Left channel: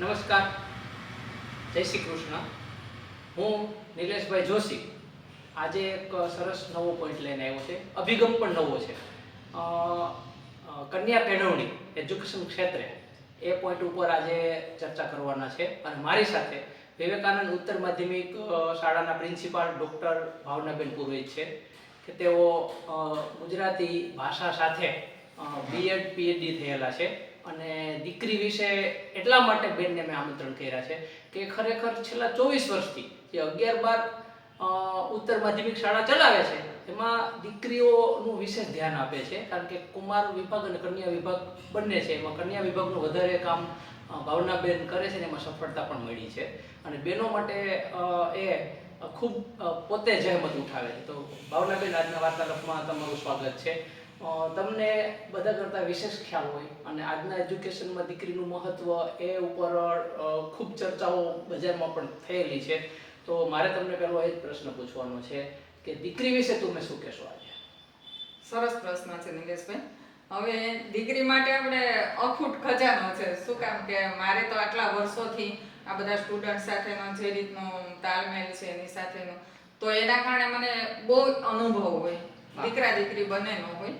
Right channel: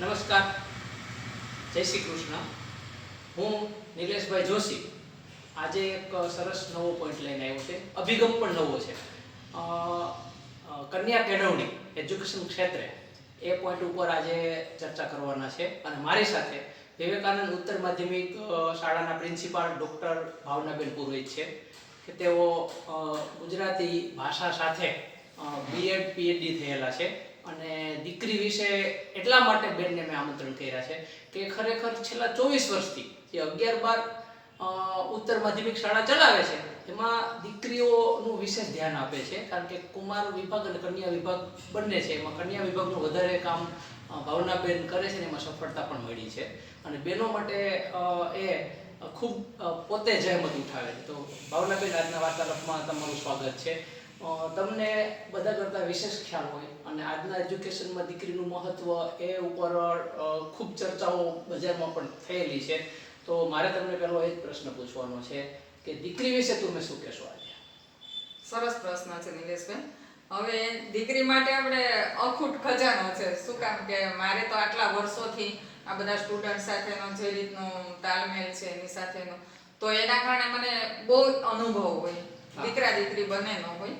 નમસ્કાર. જય શ્રી કૃષ્ણ. હું નિલેશભાઈ જોશી. આજે એક સરસ નવો પોઈન્ટ લઈને આવ્યો છે. અભિગમ પણ નવો છે. કન્યા કેળવણી એજ્યુકેશન ક્ષેત્રે એ પોઈન્ટ ઉપર આજે ચર્ચા કરવાના છે અને મારી સાથે વિવેકાનંદ ઉત્તર માધ્યમિક શાળાના પ્રિન્સિપાલ ડૉક્ટર ભાવનાબેન પુરોહિત છે કે તેઓ ગુજરાતી ભાષા સાથે બીએડ પીએચડી થયેલા છે. અને દીકરી વિશે એટલા માટે બેનને મેં આમંત્રણ કર્યા છે કે ખરેખર છેલ્લા ચોવીસ વર્ષથી જે અગિયાર બાર ઉત્તર માધ્યમિક શાળા ચલાવે છે, એમાં દીકરીઓનું વિશેષ ધ્યાન આપે છે, કારણ કે કુમાર વિભાગ અને કન્યા વિભાગ બંને છે, એમાં કન્યા વિભાગનું વધારે કામ ભાવનાબેન કરે છે ને એમાં સફળતા પણ મળી છે. અને બહેનો માટે એ ખૂબ પોતે જહેમત ઉઠાવે તો ભાવનાબેન આજના વાર્તાલાપમાં તમારું સ્વાગત છે. તમને બધા કરતાં વિશેષ ખ્યાલ હોય અને આજના એજ્યુકેશનમાં દીકરીનું મહત્વ એ ઉપર ખૂબ ચર્ચાઓ બજારમાં પણ થયેલી છે. તો મારે તમને પહેલો એ જ પ્રશ્ન પૂછવાનો છે કે દીકરી વિશે તમે શું કહેશો આજે? સરસ પ્રશ્ન છે નિલેશભાઈ. હવે દીકરી માટે આપણે અખૂટ ખજાનો છે. શું કામ કે મારે તો આટલા વર્ષોથી આ બધા સ્ટુડન્ટ સાથેનો જે રીતનો તાલમેલ છે, એની સાથેનો, તો એના કારણે મને બહુ અનુભવ હોય. દીકરા દીકરી બંનેનો હોય.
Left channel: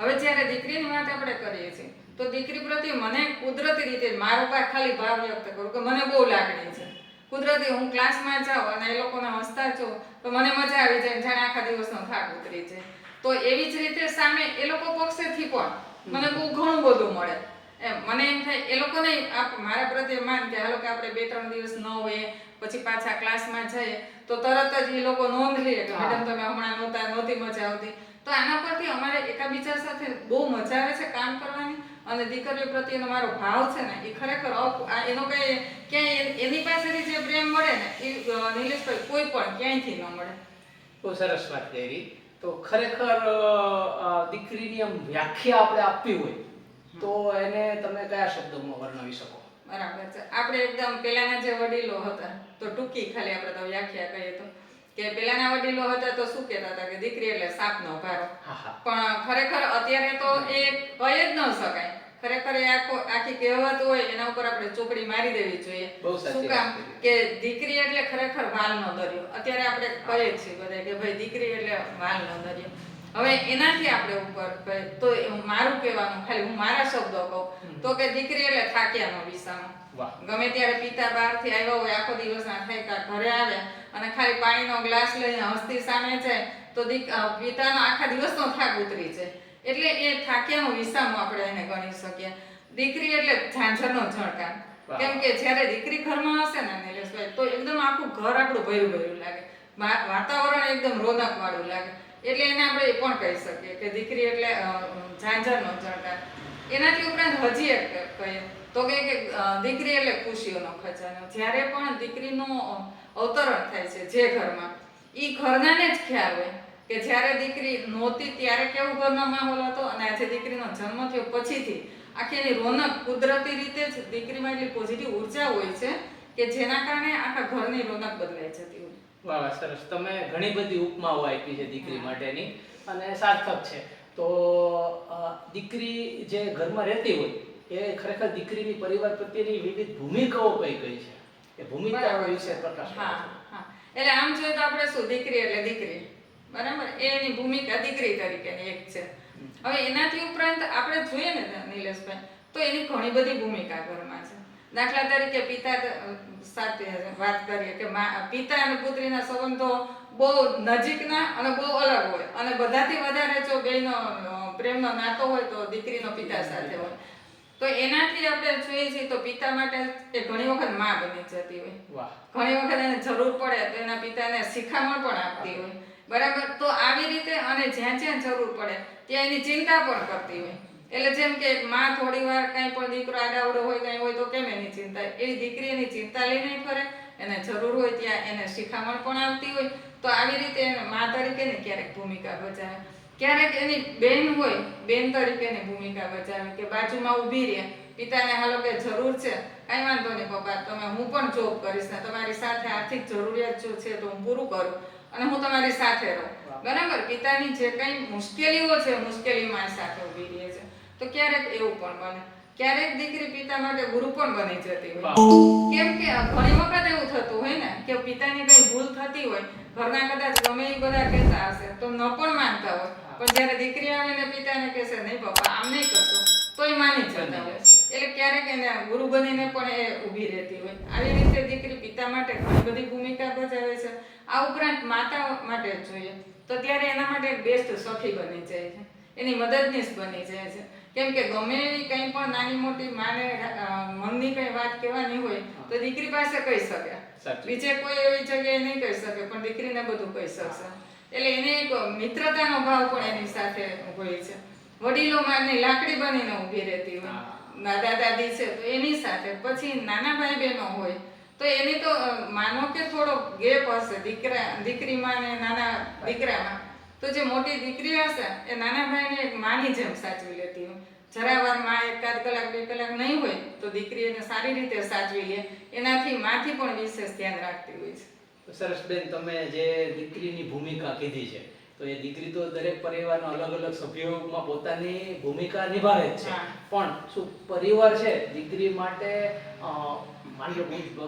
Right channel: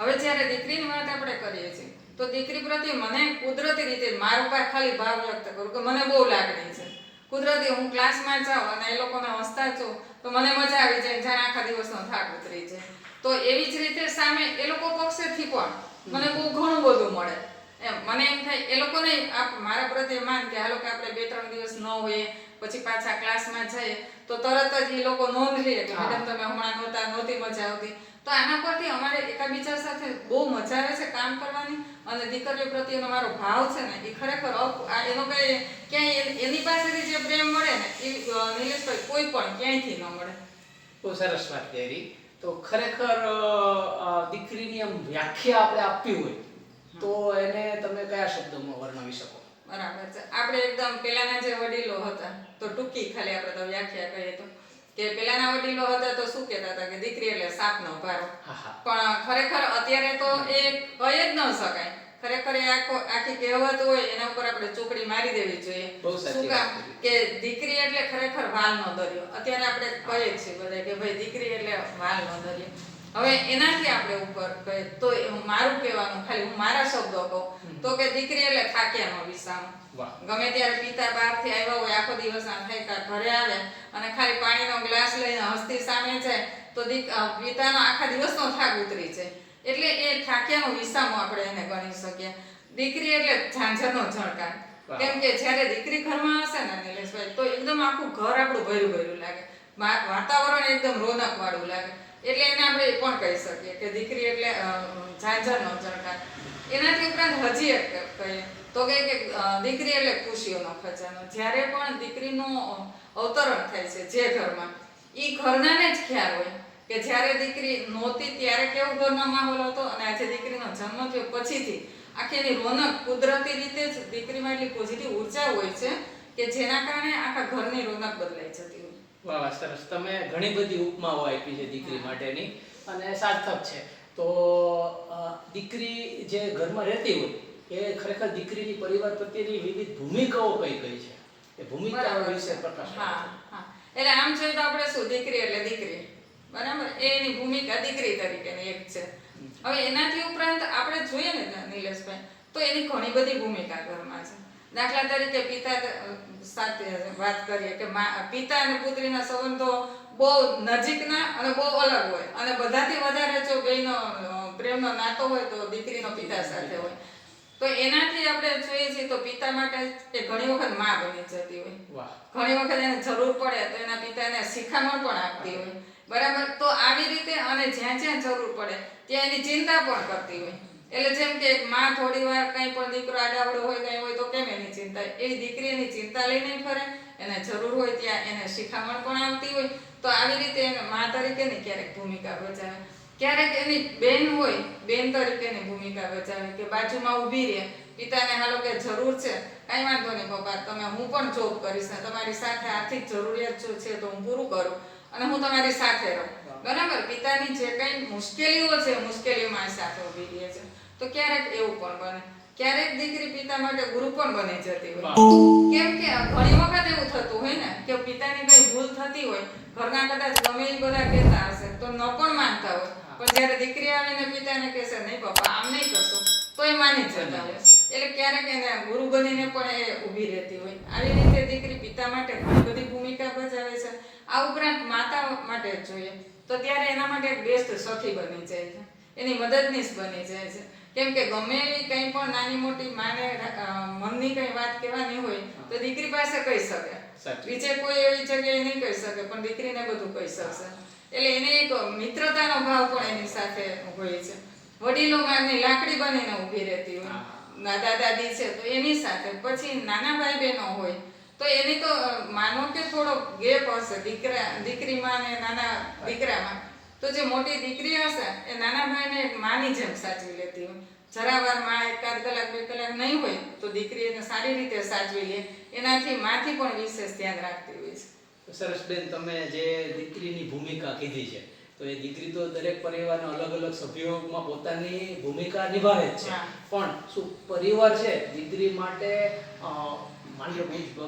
હવે જ્યારે દીકરીની વાત આપણે કરીએ છીએ, તો દીકરી પ્રત્યે મને કુદરતી રીતે મારા પાસે ખાલી ભાવ વ્યક્ત કરું કે મને બહુ લાગણી છે. કુદરતી હું ક્લાસમાં જાઉં અને એ લોકોને હસતા છું તો મને મજા આવી જાય જાણે આખા દિવસનો થાક ઉતરી જાય. તો એવી જ રીતે સામે એ લોકો પક્ષેથી પણ મને બહુ ઘણું બધું મળે. એમ મને એમ થાય એ લોકોને આપ- મારા પ્રત્યે માન કે હાલો કે આપણે બે ત્રણ દિવસ ન હોઈએ પછી પાછા ક્લાસમાં જઈએ તો તરત જ એ લોકો નોંધ લે કે મેડમ તમે હમણાં નહોતા નહોતી મજા આવતી. તો આના પરથી અમારે એકાબીજા સાથે બહુ મજા આવે છે કામ કરવાની અને દીકરીઓ પ્રત્યેનો મારો ભાવ છે ને એ ખરેખર આ એનો કઈ ક્યાંય એની- પાસેથી જે પ્રેમ મળે ને એ નિલેશભાઈ કોઈ પણ ક્યાંયથી ન મળે. બહુ સરસ વાત કરી. તો ખરેખર દીકરીની આમ વ્યાખ્યા આપણે આપવી હોય તો એને તમે કયા શબ્દોમાં વર્ણવી શકો? બરાબર છે. આપણે એકદમ પેલાના જે વડીલો હતા તો ટૂંકી ખાલી આપણે તો વ્યાખ્યા કહીએ તો કે પેલાના વડીલો હતા તો શું કહેતા હતા કે દીકરી એટલે સાપનો ભારો. પણ ખરેખર અત્યારે તો એ કહી જ ન શકાય. ખરેખર એ આખો આખી કહેવત હોય એના ઉપર આપણે ચોકડી મારી દેવી જોઈએ. શું કામ? કે દીકરી એટલે ખરેખર વાલનો દરિયો. અત્યારે આપણે કહીએ છીએ બધા કે ભાઈ દીકરી એટલે વાલનો દરિયો. હવે એનાથી આપણે ઉપર તો મારું કહેવાનું ખાલી હું મારા શબ્દો કહું. તો કે દીકરી એટલે થાક્યાનો વિસામો. ગમે ત્યારે પિતા બહારથી આવ્યા હોય આખો દિવસના થાય ઘરે આવે અને ખાલી પાણીનો ગ્લાસ લઈને હસ્તી સામે જાય તો દીક પિતાનો આખા દિવસનો થાક ઉતરી જાય. એટલે એ થાક્યાનો વિસામો આપણે એને ગણી શકીએ. દીકરી એટલે ઝાંઝરનો ઝણકાર. કેમ કે જ્યારે દીકરી ઘરમાં હશે ને નિલેશભાઈ તો એકદમ આખું ઘર આપણું ભર્યું ભર્યું લાગે. વાતાવરણ એકદમ રોનક વાળું લાગે. એટલે એને આપણે એ પણ કહી શકીએ કે દીકરી એટલે ઝાંઝરનો ઝણકાર એનાથી ઉપરાંત હજી એક કહીએ તો કે દીકરી એટલે ખુશીઓનો ખજાનો. જ્યારે પણ દીકરીનું અવતરણ થાય છે જે ઘરમાં એ ઘરનાને જ ખ્યાલ હોય કે જ્યારે દીકરી નહોતી ત્યારે કેવો ઘરનો માહોલ હતો અને આજે દીકરીનો જન્મ થયો. પછીથી આખી એની રોનક કુદરતી રીતે જ દીકરીમાં એટલી પોઝિટિવ ઊર્જા હોય છે કે જેના કારણે આખા ઘરની રોનક બદલાઈ જતી હોય. વાહ સરસ. તમે ઘણી બધી ઉપમાઓ આપી છે દીકરી માટેની અને સાર્થક છે. તો દીકરી જે ઘરમાં રહેતી હોય એ ખરેખર દીકરીની પરિવાર પ્રત્યેની વિવિધ ભૂમિકાઓ કઈ કઈ છે? એ ભૂમિકા વિશે. પ્રકાશ હા હા. એટલે આમ જોઈએ તો આપણે શું દીકરી એટલે દીકરી. બરાબર? એની ભૂમિકા દીકરી તરીકેની એક છે. હવે એનાથી ઉપરાંત આપણે જોઈએ ને નિલેશભાઈ તો એની ઘણી બધી ભૂમિકા ઘરમાં છે. દાખલા તરીકે પિતા સાથે વાત કરીએ કે પિતા અને પુત્રીના સંબંધો બહુ નજીકના અને બહુ અલગ હોય. અને બધાથી વધારે જો બેનો પ્રેમનો નાતો હોય તો દીકરીનો પિતા સાથે હોય. તો એનાથી આપણે જોઈએ છીએ તો પિતા માટે એ ઘણી વખતમાં બની જતી હોય. ઘણી વખત એને જરૂર પડે તો એના પિતાને શિખામણ પણ આપતી હોય. બરાબર? તો આવી રીતે અને જ્યાં જ્યાં જરૂર પડે ત્યાં એની ચિંતા પણ કરતી હોય. એટલે જેમ કે માં થોડી વાર કંઈ પણ દીકરો આડાવડો હોય કંઈ હોય તો કેમ એની ચિંતા? એવી દીકરી એની ચિંતા લઈને ફરે. એને જરૂર હોય ત્યાં એને શિખામણ પણ આવતી હોય. તો આવી રીતે એને માં તરીકેની ક્યારેક ભૂમિકા ભજાવે. ક્યારેક એની બેન હોય બેન તરીકેની ભૂમિકા ભજાવે કે બાજુમાં ઊભી રહે. પિતાને હાલો કે જરૂર છે. કાંઈ વાંધો નહીં પપ્પા તમે હું પણ જોબ કરીશ ને તમારી સાથે આર્થિક જરૂરિયાત જો છે તો હું પૂરું કરું અને હું તમારી સાથે રહું. બરાબર? પિતાની જે કંઈ મુશ્કેલીઓ છે મુશ્કેલીઓમાં એ સાથે ઊભી રહે છે. તો ક્યારેક એવું પણ બને. ક્યારેક દીકરી પિતા માટે ગુરુ પણ બની જતી હોય. કેમ કે ઘણી વખત એવું થતું હોય ને કે પિતાની કઈ ભૂલ થતી હોય ઘરના કદાચ ગમે એ બધા કહેતા હશે તો ન પણ માનતા હોય. પણ જ્યારે દીકરી આવીને પિતાને કહેશે નહીં પપ્પા આમ નહીં કરશો તો એ માની જતા હોય. એટલે ક્યારેક એને ગુરુ બનીને પણ એ ઊભી રહેતી હોય. આવી રીતે દીકરી પિતા માટે ઘણી બધી ભૂમિકા ભજવે છે. આ ઉપરાંત માતા માટે જોઈએ. તો ત્યારે એના માટે બેસ્ટ સખી બની જાય છે. એની મદદનીશ બની જાય છે. કેમ કે ગમે એવી કંઈ પણ નાની મોટી માને મનની કંઈ વાત કહેવાની હોય તો દીકરી પાસે કહી શકે. બીજે કોઈ એવી જગ્યાએ નહીં કહી શકે પણ દીકરીને બધું કહી શકશે. એટલે એને એક મિત્રતાનો ભાવ પણ એની સાથે હોય છે. વડીલો માને લાકડી બનીને ઊભી રહેતી હોય. દાદા દાદી છે તો એની સાથે. પછી નાના ભાઈ બહેનો હોય તો એની તો માનો કે થોડો ગેપ હશે દીકરા દીકરીમાં ને નાના દીકરામાં. તો જે મોટી દીકરી હશે એ નાના ભાઈને એક માની જેમ સાચવી લેતી હોય. જરા વારમાં એકાદ કલાક બે કલાક નહીં હોય તો દીકરી એને સારી રીતે સાચવી લે. એનાથી માથી પણ વિશેષ ધ્યાન રાખતી હોય છે. સરસ બેન તમે જે દીકરીની ભૂમિકા કીધી છે તો એ દીકરી તો દરેક પરિવારના અલગ અલગ સભ્યોમાં પોતાની ભૂમિકા નિભાવે જ છે. પણ શું પરિવાર છે દીકરી માટે માની લો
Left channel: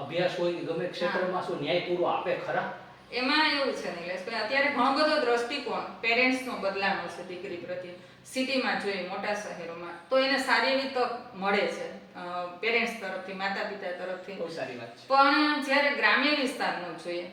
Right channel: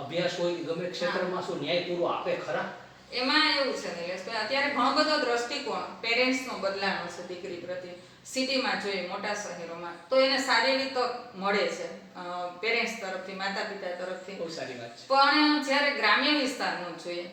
અભ્યાસ હોય કે ગમે ક્ષેત્રમાં શું ન્યાય પૂરો આપે ખરા? એમાં એવું છે નિલેશભાઈ અત્યારે ઘણો બધો દ્રષ્ટિકોણ પેરેન્ટ્સનો બદલાનો છે દીકરી પ્રત્યે. સિટીમાં જોઈએ મોટા શહેરોમાં તો એને સારી એવી તક મળે છે પેરેન્ટ્સ તરફથી માતા પિતા તરફથી. બહુ સારી વાત છે. પણ જ્યારે ગ્રામ્ય વિસ્તારનું જોઈએ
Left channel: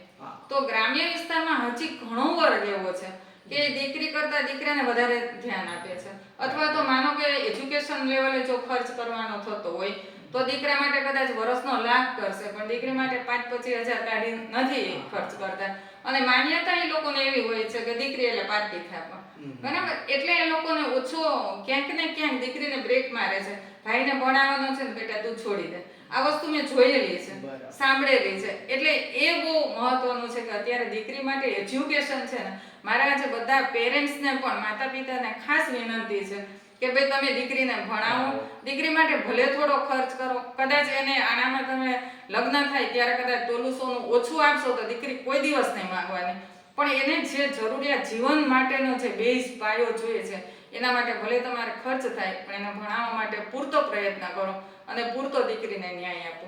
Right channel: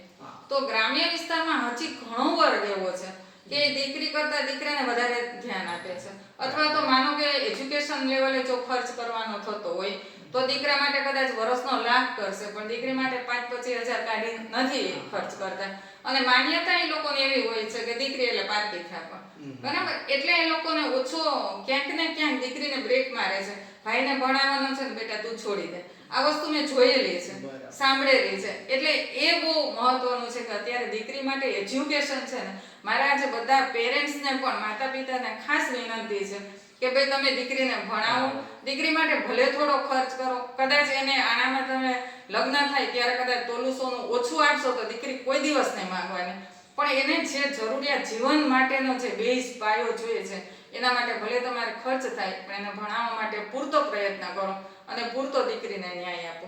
તો ગ્રામ્ય વિસ્તારમાં હજી ઘણો વર્ગ એવો છે. કે દીકરી કરતા દીકરાને વધારે ધ્યાન આપે છે. અથવા તો માનો કે એજ્યુકેશન લેવલે જો ખર્ચ કરવાનો થતો હોય તો દીકરા માટે કદાચ વર્ષનો લાખ કરશે પણ દીકરી માટે પાંચ પચીસ હજાર કાઢી નથી ખર્ચ કરતા. અને માન્યતા એ લોકોને એવી હોય છે કે દીકરી એટલે પાંચ દીખા હમ. બરાબર? એટલે એ લોકોને ઓછો ક્યાંક ને ક્યાંક દીકરીને બ્રેક મારે છે. ભાઈને ભણાવવાનો છે ને બેટા તું છોડી દે. આ વસ્તુ મેં જોયેલી છે સાંભળેલી છે. એટલે એ બહુ મહત્વનું છે કે અત્યારે દીકરી માટે એજ્યુકેશન છે ને મારા જે બધા પેરેન્ટ્સને પણ માતા પિતાને ખાસ વિનંતી છે કે ભાઈ તમે દીકરીને ભણાવો. દીકરી માટે ભલે થોડો ખર્ચ કરો કદાચ એને આનામાં તમે લગ્ન થાય ત્યારે કદાચ તોલું સોનું ઓછું આપશો તો દીકરી કોઈ દિવસ નહીં માંગવાની. પણ એને જે જરૂરિયાત જીવન માટેનો જે બેઝ પાયો જોઈએ છે એના માટે ભલે તમારે ખર્ચ થાય પણ એને ભણાવવા માટે પૂરતો પ્રયત્ન કરો. અને પૂરતો દીકરીને ન્યાય આપો.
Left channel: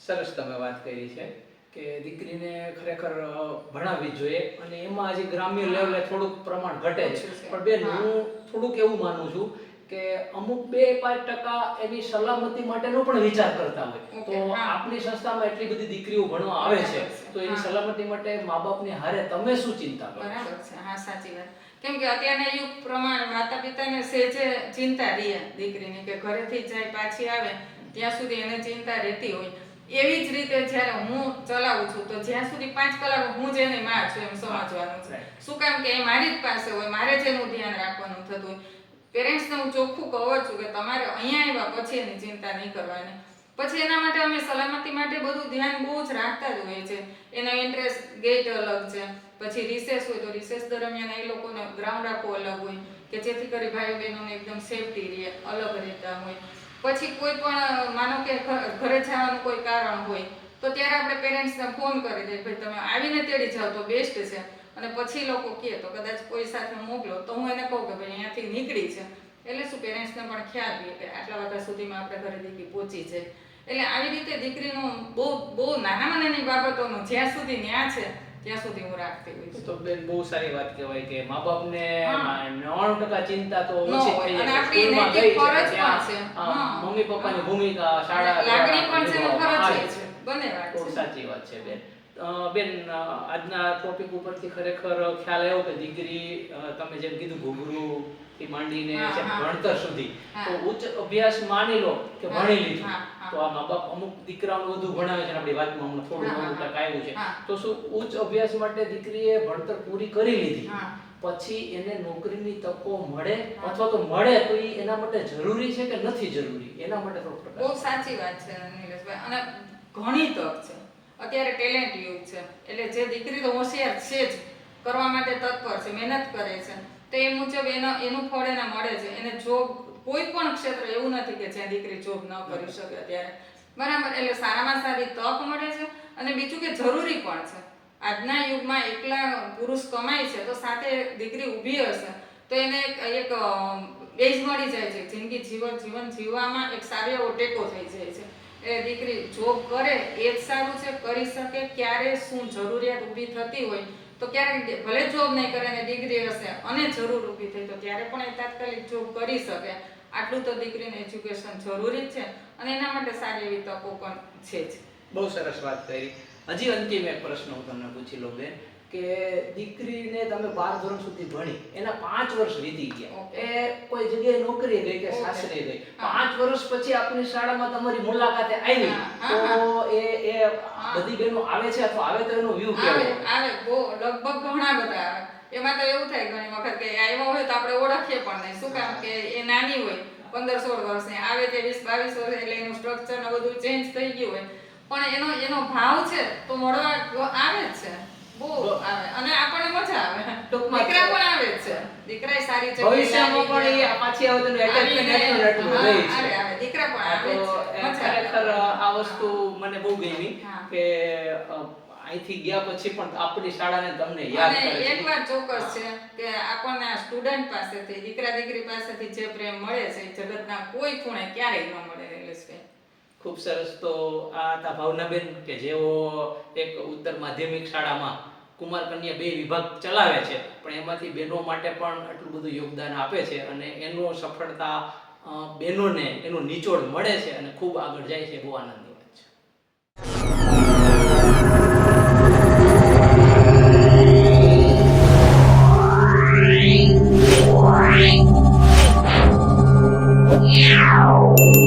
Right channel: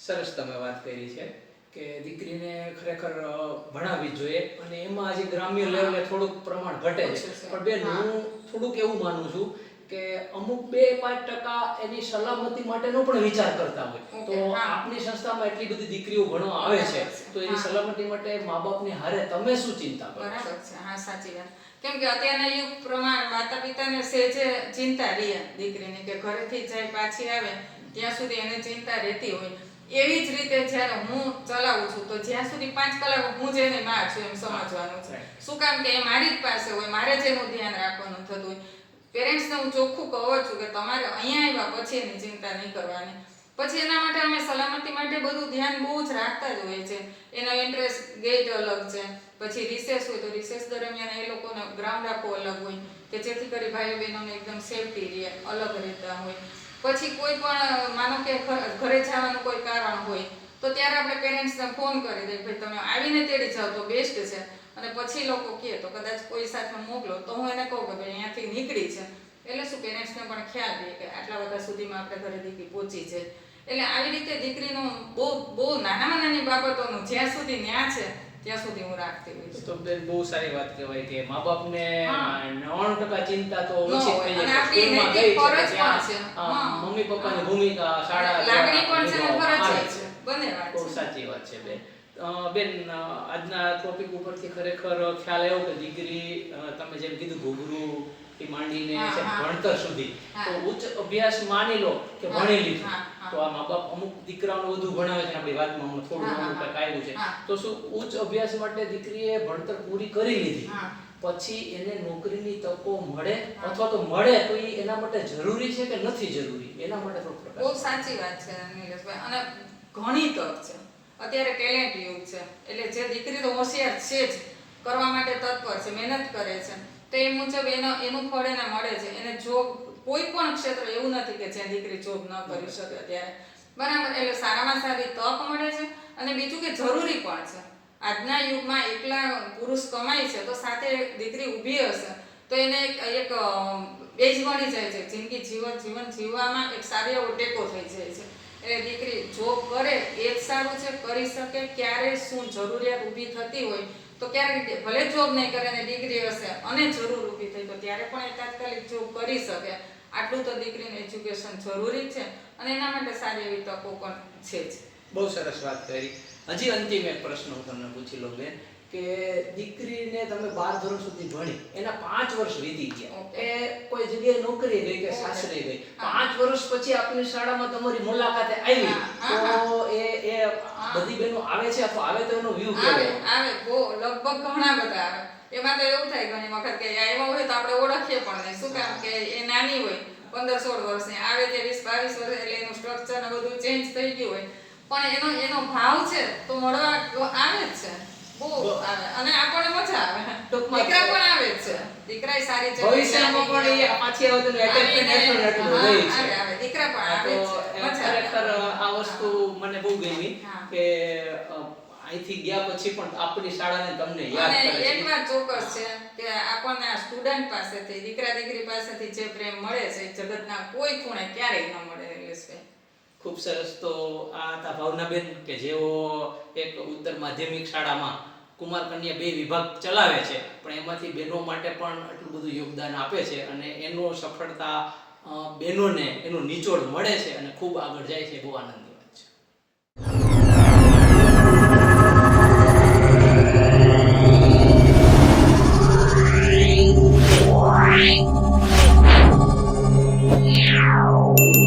સરસ તમે વાત કરી છે કે દીકરીને ખરેખર ભણાવવી જોઈએ અને એમાં આજે ગ્રામ્ય લેવલે થોડુંક પ્રમાણ ઘટે છે. પણ બેન હું. થોડુંક એવું માનું છું કે અમુક બે પાંચ ટકા એની સલામતી માટેનો પણ વિચાર કરતા હોય. તો. આપની સંસ્થામાં એટલી બધી દીકરીઓ ભણવા આવે છે તો એની સલામતી માટે મા બાપની હારે તમે શું ચિંતા કરો બરાબર છે. હા સાચી વાત. કેમ કે અત્યારના યુગ પ્રમાણે માતા પિતાને સેજે ચિંતા રહી દીકરીની કે ઘરેથી જાય પાછી આવે. ત્યાં સુધી એને ચિંતા રહેતી હોય. એવી જ રીતે જ્યારે હું ચલાવું છું તો જ્યાં સુધી પાંચ કલાક હું જેની માં છું એમ સમજવાનું છે. શું કામ કે એ મારી જ પાસે હોય મારે જ એનું ધ્યાન રાખવાનું થતું હોય. પેરેન્ટ્સને હું ચોખ્ખું કહું છું કે તમારે અહીંયા આવ્યા પછી એની ચિંતા નહીં કરવાની. પછી એના માટે અમે સલામતી માટે બધું ધ્યાન બહુ જ રાખતા જ હોઈએ છીએ. એનો ઇન્ટરેસ્ટ ગેટ અલગ છે પછી રિસેસ હોય તો રિસેસ દરમિયાન એ લોકોને ગ્રાઉન્ડ આખું અલગ હોય કે જેથી કરી ભાઈઓ બહેનોને એકદમ સેફટી રહે અલગ રહેતા હોય. પછી કોઈ પણ, માનો કે ઘરે જવાનું કોઈ કારણ હોય, તો ત્યારે આપણે પેરેન્ટ્સને ફોન કરી દઈએ ભાઈ તમે આવીને તેડી જાઓ તો બેસ્ટ છે. અને પછી લોકો કહે, તો કદાચ કોઈ સાથે મોકલો, તો હું એને કહું કે ભાઈ અહીંયાથી નીકળી છે એટલે શું પેરેન્ટ્સને પણ ખ્યાલ રહે કે આટલા વાગ્યા સુધીમાં આપણે ઘરે દીકરી પહોંચી છે. એટલે આવી રીતે દીકરીનું બહુ બહુ નાનામાં નાની બાબતોનું જ્યાં સુધી ન્યા છે ત્યાં સુધી હું રાખતી હોય તો બેન બહુ સારી વાત કહેવાય કે મા બાપને હા. નવ્વાણું ટકા ચિંતા તો ઓછી થઈ જાય સ્કૂલમાં ગઈ છે. મમ્મી પપ્પાની ની ભૂમિકા શાળા લાગણી પણ છે ફરજ છે. બને વાત બહુ સાચી વાત છે બેન. બેન આજના ટોપિક ઉપરથી ખરેખર ખ્યાલ આવ્યો કે દીકરી તમે જેમ કીધું ઘૂઘરું થી માંડીને. ભણતર સુધી. તો ઉચ્ચ અભ્યાસ માની લો કે ભણી લીધું. તો આ મા બાપ અમુક દીકરાઓને વધુ ભણાવે છે આપણી વાતમાં હમણાં થોડું ઘણું કંઈક આવ્યું છે. તો શું ઉચ્ચ અભ્યાસ માટે દીકરીએ ભણતર પૂરી કરી લીધી? પછી એને નોકરીની તકો મળે અથવા તો મળે તો એ એના માટે જરૂરી છે કે નથી જરૂરી? એના માટે થોડું બહુ સાચી વાત છે અને ઘણી તક છે. અત્યારે ટેલેન્ટ યુગ છે. એટલે જે દીકરી તો હોશિયાર છે જ કરવા માટે તત્પર છે મહેનત કરે છે. તો એ મુજબ એનો એનું ફળ એને મળે છે. એને જોબ કોઈ પણ ક્ષેત્ર એવું નથી કે જ્યાં દીકરી જોબ ન કરી શકે અત્યારે. બરાબર એટલે સારામાં સારી તક મળે છે અને બીજું કે જરૂરી પણ છે. આજના યુગમાં એકલા પુરુષ કમાય છે તો સાથે દીકરી ઊભી હશે. તો એને એક એક બેઝ મળી જાય છે. જિંદગી જીવન જીવન જીવવામાં એક સારો એવો ટેકો થઈ જાય છે. એ દીકરી જોબ કરે એ જ સારું છે કરી શકે ક્યારે શું જરૂરિયાત ઊભી થતી હોય તો ક્યારેક ભલે જોબ નહીં કરે ને ડિગ્રી હશે, અને જરૂર ઊભી થઈ, તો ત્યારે પણ એ તાત્કાલિક જોબ કરી શકે. આટલું તો દીકરીને એજ્યુકેશન જરૂરી છે, અને એના માટે સારી એવી તકો પણ છે જ. બહુ સરસ વાત કરી. હજી અંતિમ એક પ્રશ્ન હું તમને પૂછી લઉં બેન. કે દીકરીને તમે બાર ધોરણ સુધી ભણી એના પાંચ વર્ષ વીતી ગયા. એ કોઈ જગ્યાએ નોકરી ગઈ કે સાસરે ગઈ. પાંચ વર્ષ પછી આપની શાળામાં તમારી મુલાકાતે આવી. તો એ એ બધી બહેનો આવે છે અથવા આવે તો એનો વ્યૂ કેવો? આવે. બહુ લગભગ ઘણા બધા. એમાં તો એવું થાય ઘણી વખત કે આવ્યા હોય તો આપણે ઓળખીએ પણ નહીં. શું કામ કે એ નાની હોય પંદર સોળ વર્ષની આવે તે વીસ બાવીસ વર્ષ એટલે એનું સ્ટ્રક્ચર ને બધું ચેન્જ થઈ ગયું હોય. પણ એનો એનો ભાવ છે તો મળવા આવે જ છે. અહીંથી ગયા પછી પણ આપણી શાળાને તમને યાદ કરે એક વાત ચોક્કસ છે કે આપણને સ્ટુડન્ટ પાસેથી દીકરા દીકરી પાસેથી જે પ્રેમ મળે છે જગતના કોઈ ખૂણે ક્યારેય ન મળે નિલેશભાઈ ખૂબ સરસ તો આ હતા ભાવનાબેન કે જેઓ એક ઉત્તર માધ્યમિક શાળામાં કુમાર કન્યા બે વિભાગ ચલાવે છે, પણ એમાંથી બહેનો માટે પણ આટલું બધું યોગદાન આપે છે અને એનો સફળતા બહેનોને એનો નિચોડ મળે છે અને ખૂબ આગળ જાય છે બહુ આનંદ Meow.